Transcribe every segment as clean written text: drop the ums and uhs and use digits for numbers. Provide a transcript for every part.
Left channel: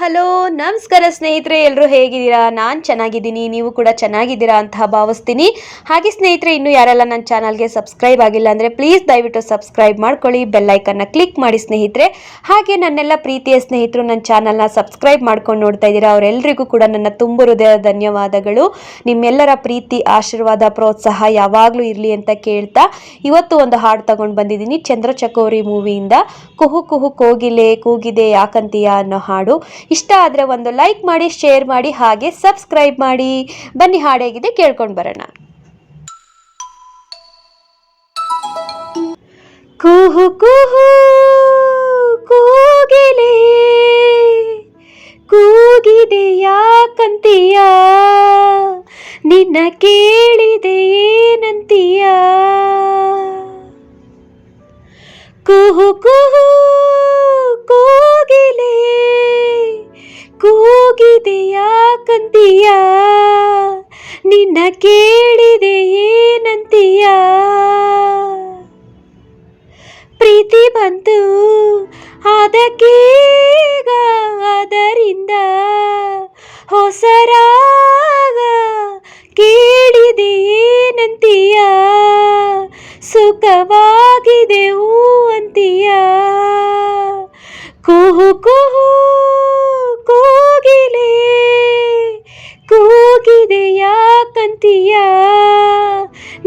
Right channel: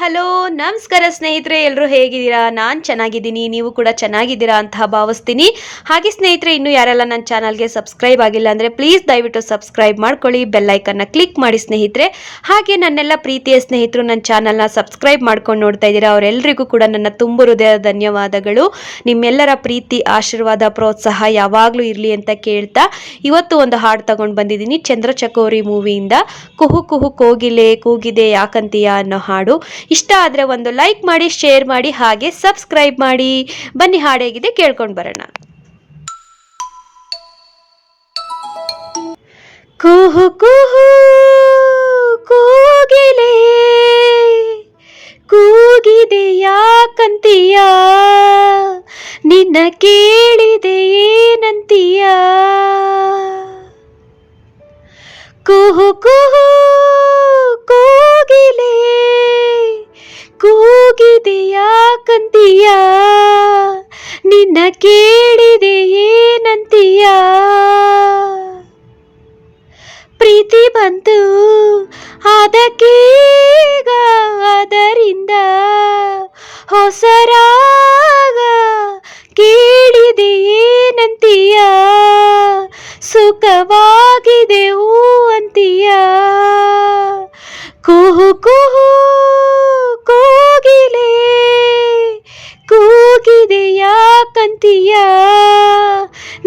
Hello ನಮಸ್ಕಾರ ಸ್ನೇಹಿತರೆ, ಎಲ್ಲರೂ ಹೇಗಿದ್ದೀರಾ? ನಾನು ಚೆನ್ನಾಗಿದ್ದೀನಿ, ನೀವು ಕೂಡ ಚೆನ್ನಾಗಿದ್ದೀರಾ ಅಂತ ಭಾವಿಸ್ತೀನಿ. ಹಾಗೆ ಸ್ನೇಹಿತರೆ, ಇನ್ನೂ ಯಾರೆಲ್ಲ ನನ್ನ ಚಾನಲ್ಗೆ ಸಬ್ಸ್ಕ್ರೈಬ್ ಆಗಿಲ್ಲ ಅಂದರೆ ಪ್ಲೀಸ್ ದಯವಿಟ್ಟು ಸಬ್ಸ್ಕ್ರೈಬ್ ಮಾಡ್ಕೊಳ್ಳಿ, ಬೆಲ್ಲೈಕನ್ನ ಕ್ಲಿಕ್ ಮಾಡಿ ಸ್ನೇಹಿತರೆ. ಹಾಗೆ ನನ್ನೆಲ್ಲ ಪ್ರೀತಿಯ ಸ್ನೇಹಿತರು ನನ್ನ ಚಾನಲ್ನ ಸಬ್ಸ್ಕ್ರೈಬ್ ಮಾಡ್ಕೊಂಡು ನೋಡ್ತಾ ಇದ್ದೀರಾ, ಅವರೆಲ್ಲರಿಗೂ ಕೂಡ ನನ್ನ ತುಂಬ ಹೃದಯದ ಧನ್ಯವಾದಗಳು. ನಿಮ್ಮೆಲ್ಲರ ಪ್ರೀತಿ, ಆಶೀರ್ವಾದ, ಪ್ರೋತ್ಸಾಹ ಯಾವಾಗಲೂ ಇರಲಿ ಅಂತ ಕೇಳ್ತಾ ಇವತ್ತು ಒಂದು ಹಾಡು ತಗೊಂಡು ಬಂದಿದ್ದೀನಿ. ಚಂದ್ರಚಕೋರಿ ಮೂವಿಯಿಂದ ಕುಹು ಕುಹು ಕೋಗಿಲೆ ಕೂಗಿದೆ ಯಾಕಂತೀಯ ಅನ್ನೋ ಹಾಡು. ಇಷ್ಟ ಆದರೆ ಒಂದು ಲೈಕ್ ಮಾಡಿ, ಶೇರ್ ಮಾಡಿ, ಹಾಗೆ ಸಬ್ಸ್ಕ್ರೈಬ್ ಮಾಡಿ. ಬನ್ನಿ ಹಾಡು ಹೇಗಿದೆ ಕೇಳ್ಕೊಂಡು ಬರೋಣ. ಕುಹು ಕುಹು ಕೋಗಿಲೆ ಕೂಗಿದೆ ಯಾಕಂತೀಯ, ನಿನ್ನ ಕೇಳಿದೆ ಏನಂತೀಯ. ಕುಹು ಕುಹು ಕೋಗಿಲೆ ಕೂಗಿದೆ ಯಾಕಂತೀಯ, ನಿನ್ನ ಕೇಳಿದೆ ಏನಂತೀಯ. ಪ್ರೀತಿ ಬಂತು ಅದಕ್ಕೀಗ, ಅದರಿಂದ ಹೊಸರಾಗ ಕೇಳಿದೆ ಏನಂತೀಯ. ಸುಖವಾಗಿದೆ ಹೂ ಅಂತೀಯ. ಕುಹು ಕುಹು ಕೋಗಿಲೆ ಕೂಗಿದೆ ಯಾಕಂತೀಯ,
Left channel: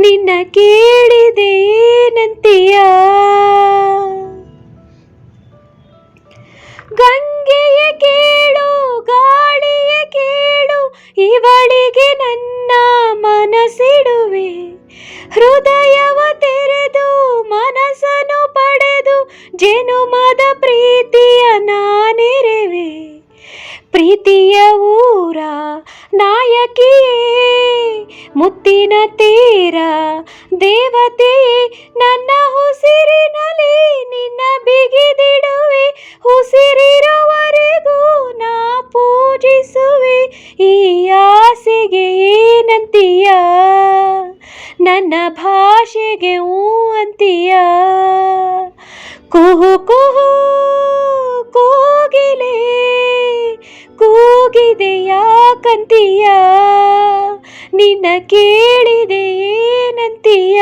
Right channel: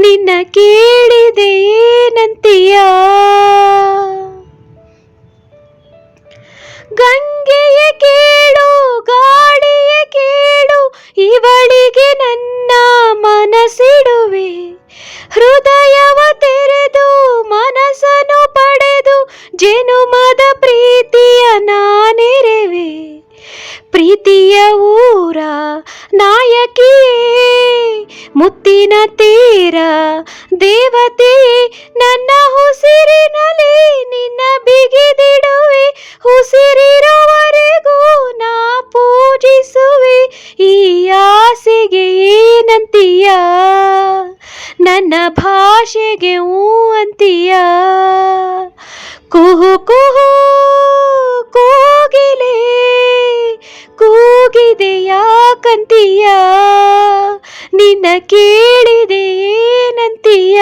ನಿನ್ನ ಕೇಳಿದೆ ಏನಂತೀಯ. ಗಂಗೆಯ ಕೇಳು, ಗಾಳಿಯ ಕೇಳು, ಇವಳಿಗೆ ನನ್ನ ಮನಸ್ಸಿಡುವೆ. ಹೃದಯವ ತೆರೆದು ಮನಸ್ಸನ್ನು ಪಡೆದು ಜನುಮದ ಪ್ರೀತಿಯ ನಾನೆರೆವೆ. ಪ್ರೀತಿಯ ಊರ ನಾಯಕಿಯೇ, ಮುತ್ತಿನ ತೀರ ದೇವತೆ, ನನ್ನ ಉಸಿರಿನಲ್ಲಿ ನಿನ್ನ ಬಿಗಿದಿಡುವೆ. ಉಸಿರಿರುವವರೆಗೂ ನಾ ಪೂಜಿಸುವೆ. ಈ ಆಸೆಗೆ ಏನಂತೀಯ, ನನ್ನ ಭಾಷೆಗೆ ಹೂ ಅಂತೀಯ. ಕುಹು ಕುಹು ಕೋಗಿಲೆ ಕೂಗಿದೆ ಯಾಕಂತೀಯ, ನಿನ್ನ ಕೇಳಿದೆ ಏನಂತೀಯ.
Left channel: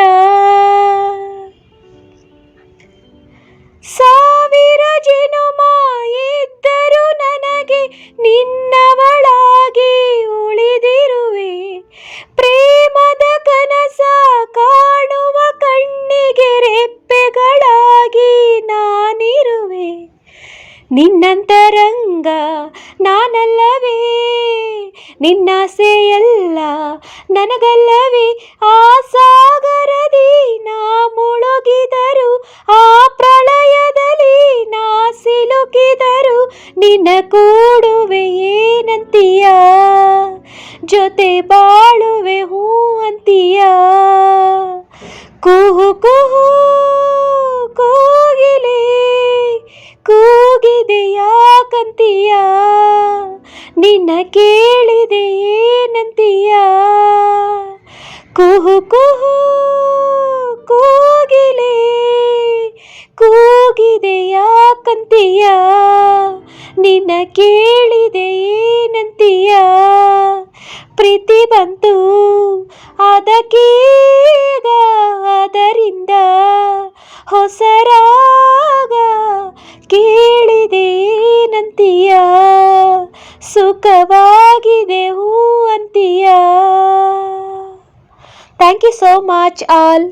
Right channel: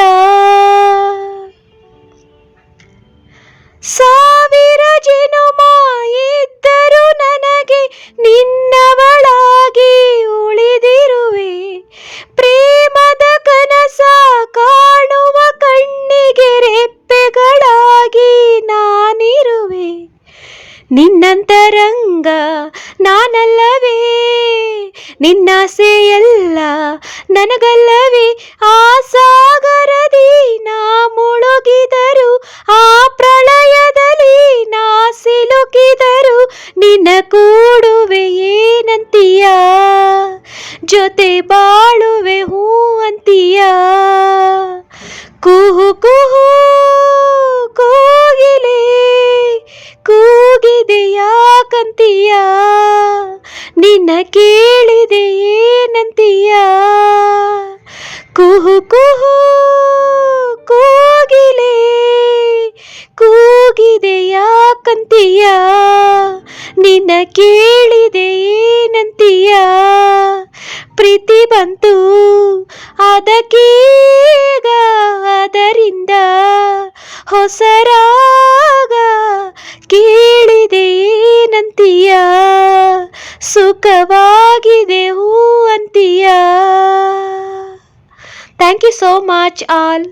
ಸಾವಿರ ಜನುಮ ಇದ್ದರೂ ನನಗೆ ನಿನ್ನವಳಾಗಿ ಉಳಿದಿರುವೆ. ಪ್ರೇಮದ ಕನಸ ಕಾಣುವ ಕಣ್ಣಿಗೆ ರೆಪ್ಪೆಗಳಾಗಿ ನಾನಿರುವೆ. ನಿನ್ನಂತರಂಗ ನಾನಲ್ಲವೇ, ನಿನ್ನಾಸೆಯೆಲ್ಲ ನನಗಲ್ಲವೇ. ಆ ಸಾಗರದಿ ನಾ ಮುಳುಗಿದರು, ಆ ಪ್ರಳಯದಲ್ಲಿ ನಾ ಸಿಲುಕಿದರು, ನಿನ್ನ ಕೂಡುವೆ ಏನಂತೀಯ, ಜೊತೆ ಬಾಳುವೆ ಹೂ ಅಂತೀಯ. ಕುಹು ಕುಹು ಕೋಗಿಲೆ ಕೂಗಿದೆ ಯಾಕಂತೀಯ, ನಿನ್ನ ಕೇಳಿದೆ ಏನಂತೀಯ. ಕುಹು ಕುಹು ಕೋಗಿಲೆ ಕೂಗಿದೆ ಯಾಕಂತೀಯ, ನಿನ್ನ ಕೇಳಿದೆ ಏನಂತೀಯ. ಪ್ರೀತಿ ಬಂತು ಅದಕ್ಕೀಗ, ಅದರಿಂದ ಹೊಸರಾಗ ಕೇಳಿದೆ ಏನಂತೀಯ. ಸುಖವಾಗಿದೆ ಹೂ ಅಂತೀಯ. Thank you so much all.